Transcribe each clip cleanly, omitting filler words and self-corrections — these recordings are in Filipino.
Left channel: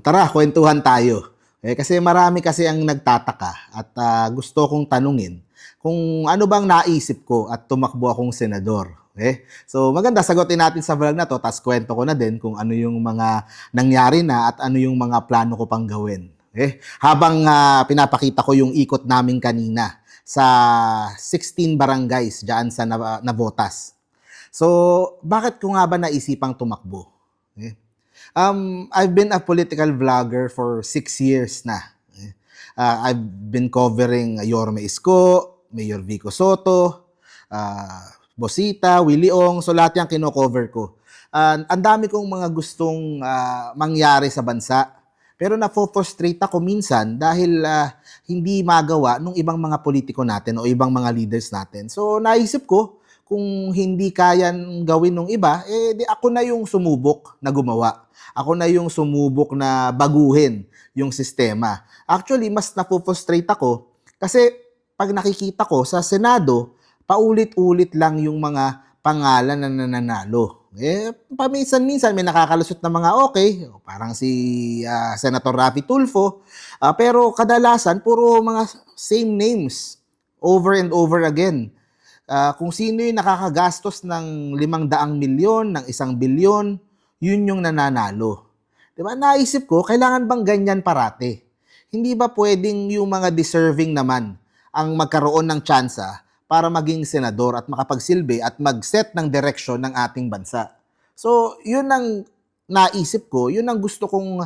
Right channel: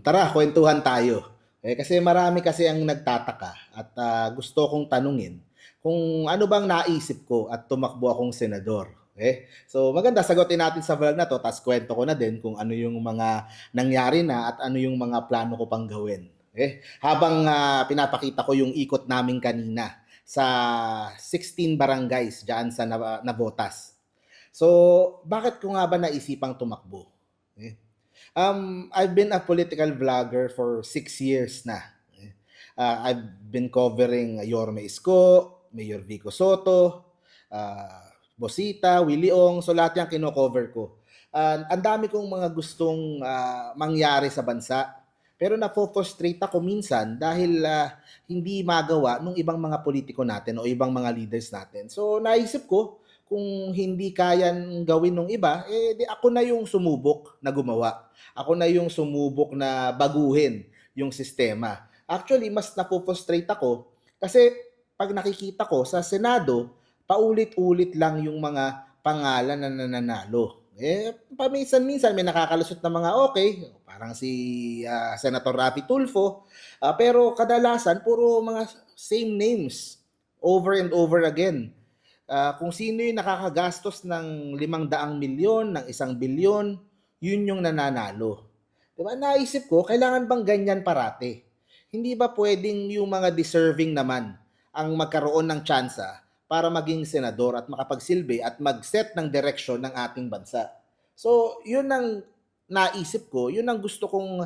Tara, kwentuhan tayo. Kasi marami kasi ang nagtataka at gusto kong tanungin kung ano bang naisip ko at tumakbo akong senador. So maganda sagutin natin sa vlog na 'to ta's kuwento ko na din kung ano yung mga nangyari na at ano yung mga plano ko pang gawin, Habang pinapakita ko yung ikot namin kanina sa 16 barangays diyaan sa Navotas. So, bakit ko nga ba naisipang tumakbo? Eh, I've been a political vlogger for 6 years na. I've been covering Yorme Isko, Mayor Vico Soto, Bosita, Willie Ong, so lahat yan kino-cover ko. Ang dami kong mga gustong mangyari sa bansa. Pero nafo-frustrate ako minsan dahil hindi magawa ng ibang mga politiko natin o ibang mga leaders natin. So naisip ko, kung hindi kayan gawin ng iba, di ako na yung sumubok na gumawa. Ako na yung sumubok na baguhin yung sistema. Actually, mas napofrustrate ako kasi pag nakikita ko sa Senado, paulit-ulit lang yung mga pangalan na nananalo. Paminsan-minsan may nakakalusot na mga okay, parang si Senator Raffy Tulfo, pero kadalasan puro mga same names over and over again. Kung sino yung nakakagastos ng 500 milyon, ng 1 bilyon, yun yung nananalo. 'Di ba? Naisip ko, kailangan bang ganyan parati? Hindi ba pwedeng yung mga deserving naman ang magkaroon ng tsansa para maging senador at makapagsilbi at mag-set ng direksyon ng ating bansa? So, yun ang naisip ko, yun ang gusto kong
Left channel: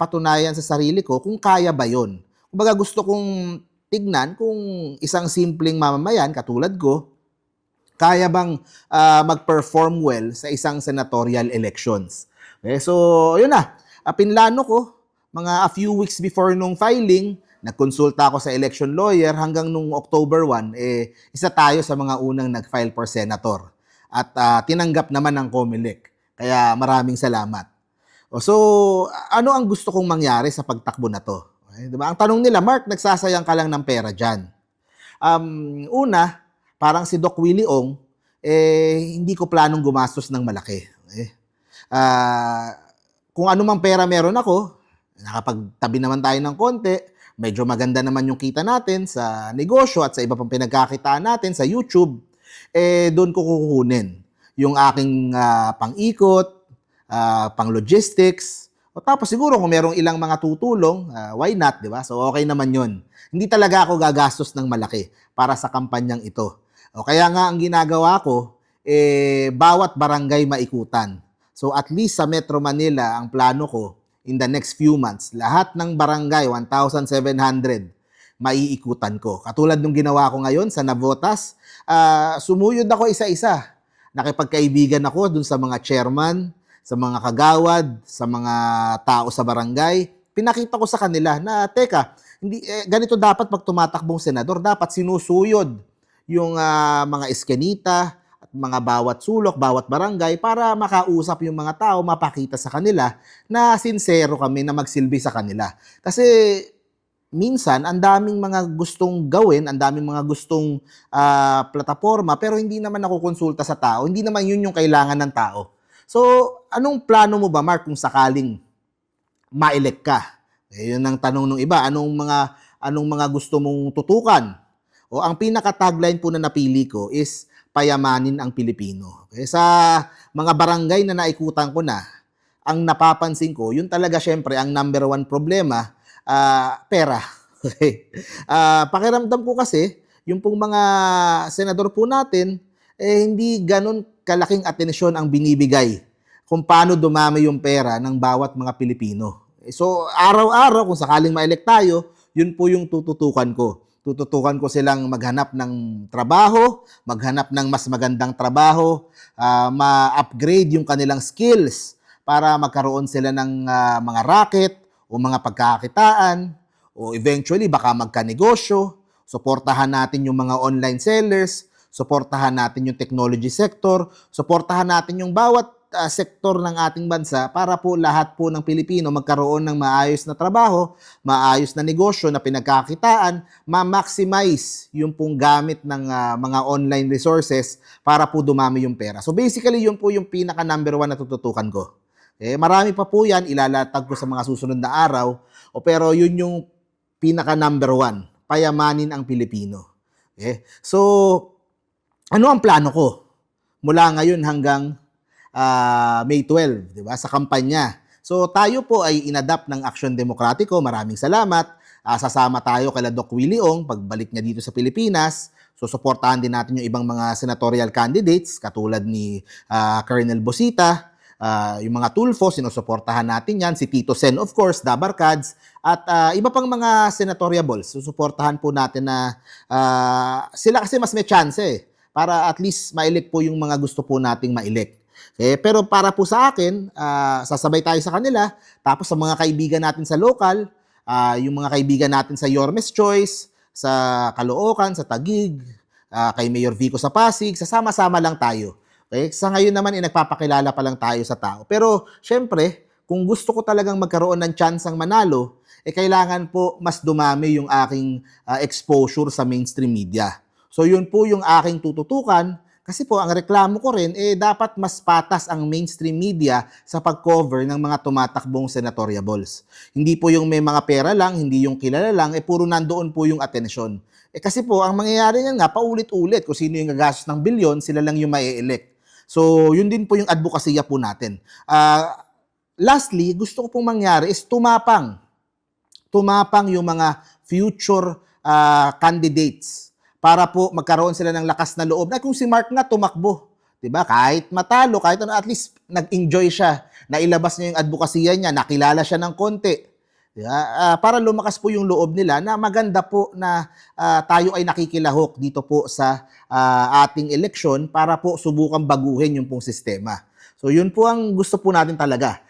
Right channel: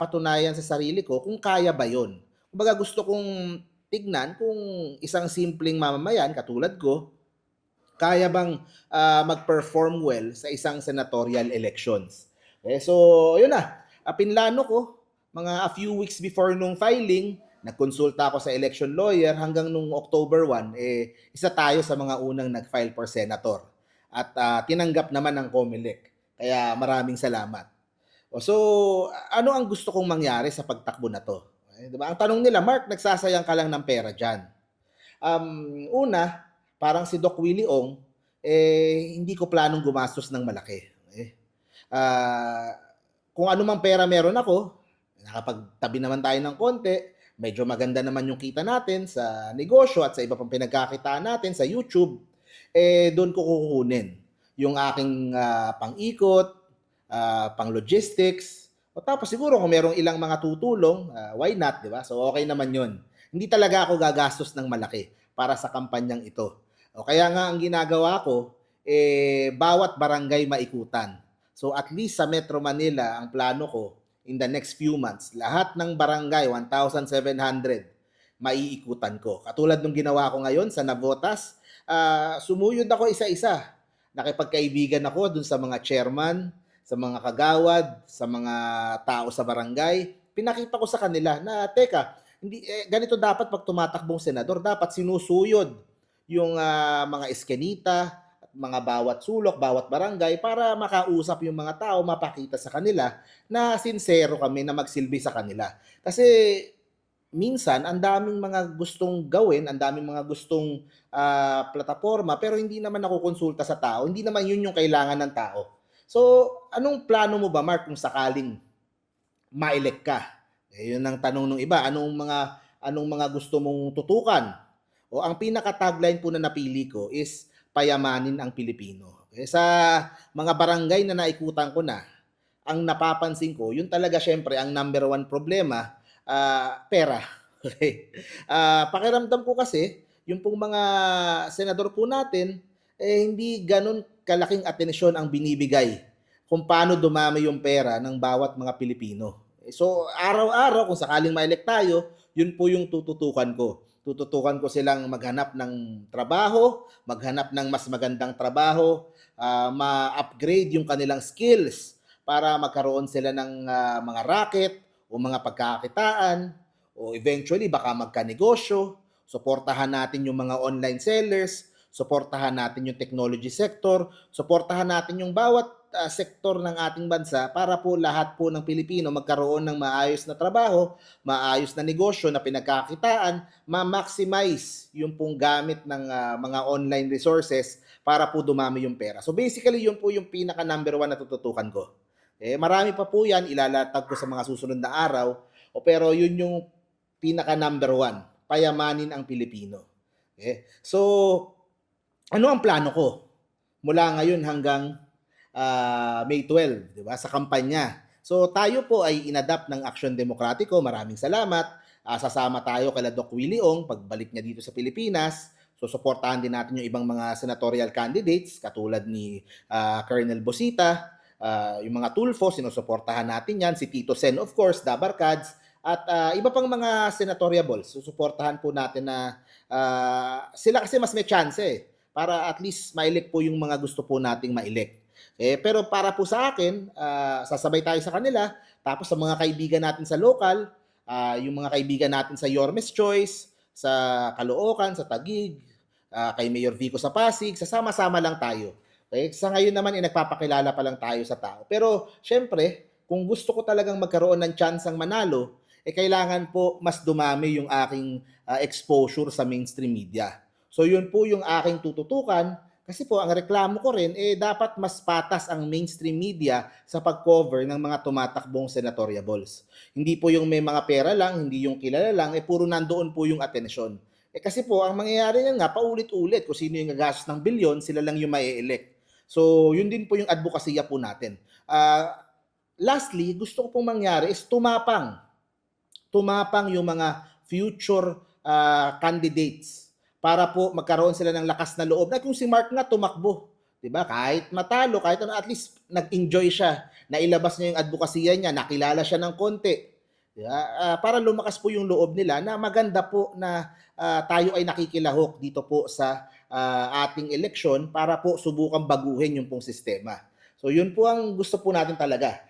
patunayan sa sarili ko kung kaya ba yun. Kumbaga gusto kong tignan kung isang simpleng mamamayan katulad ko, kaya bang mag-perform well sa isang senatorial elections. So, yun na. Pinlano ko, mga a few weeks before nung filing, nagkonsulta ako sa election lawyer hanggang nung October 1, isa tayo sa mga unang nag-file for senator. At tinanggap naman ng COMELEC. Kaya maraming salamat. So, ano ang gusto kong mangyari sa pagtakbo na to? Diba? Ang tanong nila, Mark, nagsasayang ka lang ng pera dyan. Una, parang si Doc Willie Ong, hindi ko planong gumastos ng malaki. Ah, kung ano mang pera meron ako, nakapagtabi naman tayo ng konti, medyo maganda naman yung kita natin sa negosyo at sa iba pang pinagkakitaan natin sa YouTube, doon ko kukunin yung aking pang-ikot, pang-logistics, o tapos siguro kung merong ilang mga tutulong, why not, di ba? So okay naman yun. Hindi talaga ako gagastos ng malaki para sa kampanyang ito. O kaya nga ang ginagawa ko, bawat barangay maikutan. So at least sa Metro Manila, ang plano ko, in the next few months, lahat ng barangay, 1,700, maiikutan ko. Katulad nung ginawa ko ngayon sa Navotas, sumuyod ako isa-isa. Nakipagkaibigan ako dun sa mga chairman, sa mga kagawad, sa mga tao sa barangay. Pinakita ko sa kanila na, teka, ganito dapat pag tumatakbong senador, dapat sinusuyod yung mga eskenita at mga bawat sulok, bawat barangay para makausap yung mga tao, mapakita sa kanila na sincero kami na magsilbi sa kanila. Kasi minsan, ang daming mga gustong gawin, ang daming mga gustong plataforma, pero hindi naman nakukonsulta sa tao. Hindi naman yun yung kailangan ng tao. So, anong plano mo ba, Mark, kung sakaling ma-elect ka? Yun ang tanong ng iba. Anong mga gusto mong tutukan? O ang pinaka-tagline po na napili ko is payamanin ang Pilipino. Sa mga barangay na naikutan ko na, ang napapansin ko, yun talaga syempre ang number one problema, pera. Okay. Pakiramdam ko kasi, yung pong mga senador po natin, hindi ganun kalaking atensyon ang binibigay kung paano dumami yung pera ng bawat mga Pilipino. So, araw-araw, kung sakaling ma-elect tayo, yun po yung tututukan ko. Tututukan ko silang maghanap ng trabaho, maghanap ng mas magandang trabaho, ma-upgrade yung kanilang skills para magkaroon sila ng mga racket o mga pagkakakitaan o eventually baka magkanegosyo. Suportahan natin yung mga online sellers, suportahan natin yung technology sector, suportahan natin yung bawat sektor ng ating bansa para po lahat po ng Pilipino magkaroon ng maayos na trabaho, maayos na negosyo na pinagkakitaan, ma-maximize yung pong gamit ng mga online resources para po dumami yung pera. So basically, yun po yung pinaka number one na tututukan ko. Marami pa po yan, ilalatag ko sa mga susunod na araw. Pero yun yung pinaka number one, payamanin ang Pilipino. So, ano ang plano ko? Mula ngayon hanggang May 12, di ba? Sa kampanya. So tayo po ay inadapt ng Aksyon Demokratiko. Maraming salamat. Sasama tayo kay Doc Willie Ong pagbalik niya dito sa Pilipinas. So suportahan din natin yung ibang mga senatorial candidates katulad ni Colonel Bosita, yung mga Tulfo, sinusuportahan natin yan. Si Tito Sen, of course, Dabarkads, at iba pang mga senatoriables. Susuportahan po natin na sila kasi mas may chance para at least ma-elect po yung mga gusto po nating ma-elect. Pero para po sa akin, sasabay tayo sa kanila. Tapos sa mga kaibigan natin sa local, yung mga kaibigan natin sa Yormes Choice, sa Caloocan, sa Taguig, kay Mayor Vico sa Pasig, sasama-sama lang tayo. Sa ngayon naman, nagpapakilala pa lang tayo sa tao. Pero syempre, kung gusto ko talagang magkaroon ng tsansang manalo, kailangan po mas dumami yung aking exposure sa mainstream media. So yun po yung aking tututukan. Kasi po, ang reklamo ko rin, dapat mas patas ang mainstream media sa pag-cover ng mga tumatakbong senatoriables. Hindi po yung may mga pera lang, hindi yung kilala lang, puro nandoon po yung atensyon. Kasi po, ang mangyayari niyan nga, paulit-ulit. Kung sino yung gagastos ng bilyon, sila lang yung mai-elect. So, yun din po yung advokasya po natin. Lastly, gusto ko pong mangyari is tumapang yung mga future candidates para po magkaroon sila ng lakas na loob. Na kung si Mark nga tumakbo, 'di ba? Kahit matalo, kahit ano, at least nag-enjoy siya. Nailabas niya yung advokasya niya, nakilala siya ng konti. 'Di ba? Para lumakas po yung loob nila na maganda po na tayo ay nakikilahok dito po sa ating eleksyon para po subukang baguhin yung pong sistema. So yun po ang gusto po natin talaga.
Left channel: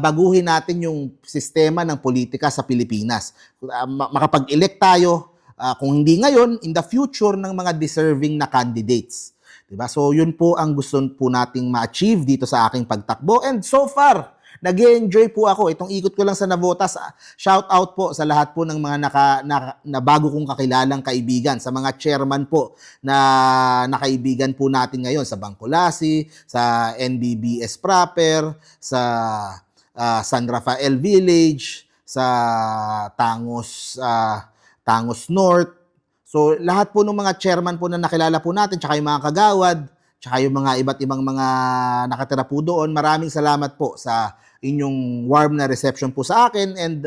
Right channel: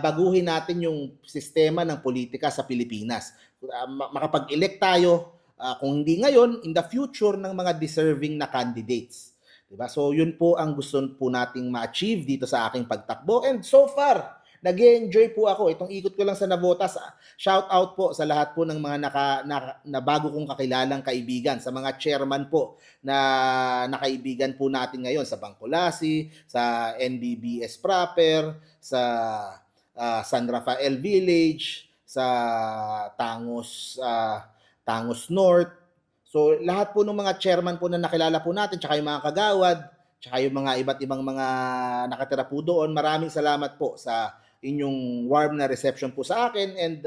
Baguhin natin yung sistema ng politika sa Pilipinas. Makapag-elect tayo, kung hindi ngayon, in the future ng mga deserving na candidates. Diba? So yun po ang gusto po nating ma-achieve dito sa aking pagtakbo. And so far, nag-enjoy po ako. Itong ikot ko lang sa Navotas, shout out po sa lahat po ng mga na bago kong kakilalang kaibigan, sa mga chairman po na nakaibigan po natin ngayon sa Bangkulasi, sa NBBS proper, sa San Rafael Village, sa Tangos North. So lahat po ng mga chairman po na nakilala po natin, tsaka yung mga kagawad, tsaka yung mga iba't ibang mga nakatira po doon, maraming salamat po sa inyong warm na reception po sa akin, and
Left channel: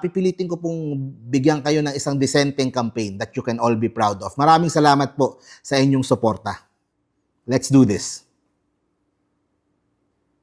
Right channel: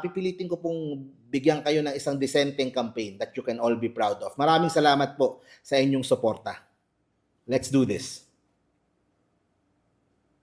pipilitin ko pong bigyan kayo ng isang dissenting campaign that you can all be proud of. Maraming salamat po sa inyong suporta. Let's do this.